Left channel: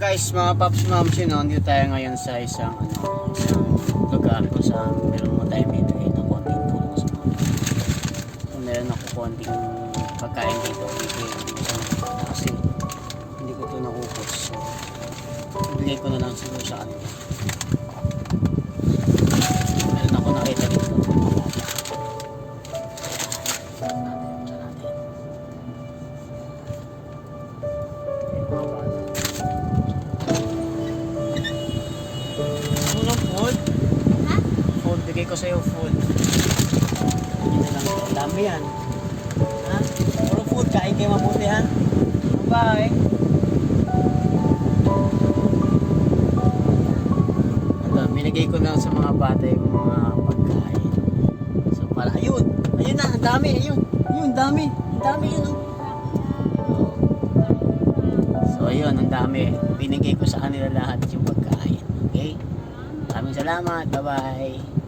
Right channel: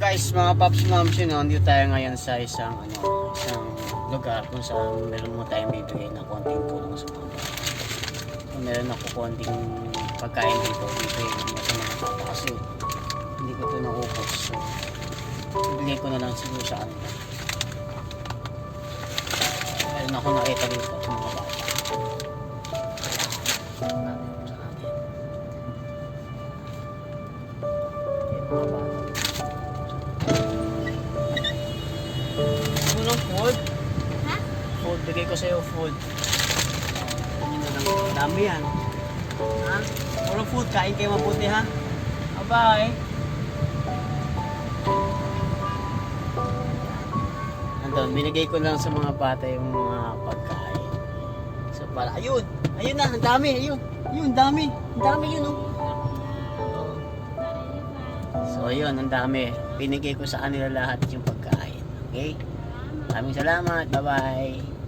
Guys, mga paps moms, nandito tayo ngayon sa isang lugar kung saan meron mo tayo bibigay na konting tulong sa mga bata. So meron ako konting pagkain dito, bibigay ko na sa mga bata kasi hindi ko ito naupos. So bibigay ko na lang siguro sa kanila. Meron ako nakita dito mga bata. Food? Ha? Food, bigay ko sa'yo food. Yun lang, ang dami yan. Ha? Puro food, kain kayo mabuti ha? Bye-bye. Andun, binigay ko lang sa mga bata yung mga pagkain. So para, ayun na, ang dami, ayun, dami, yun oh. So ayun, ang dami. Binigay ko sa kanila lahat yung pagkain. Okay? Maraming salamat. Bye-bye.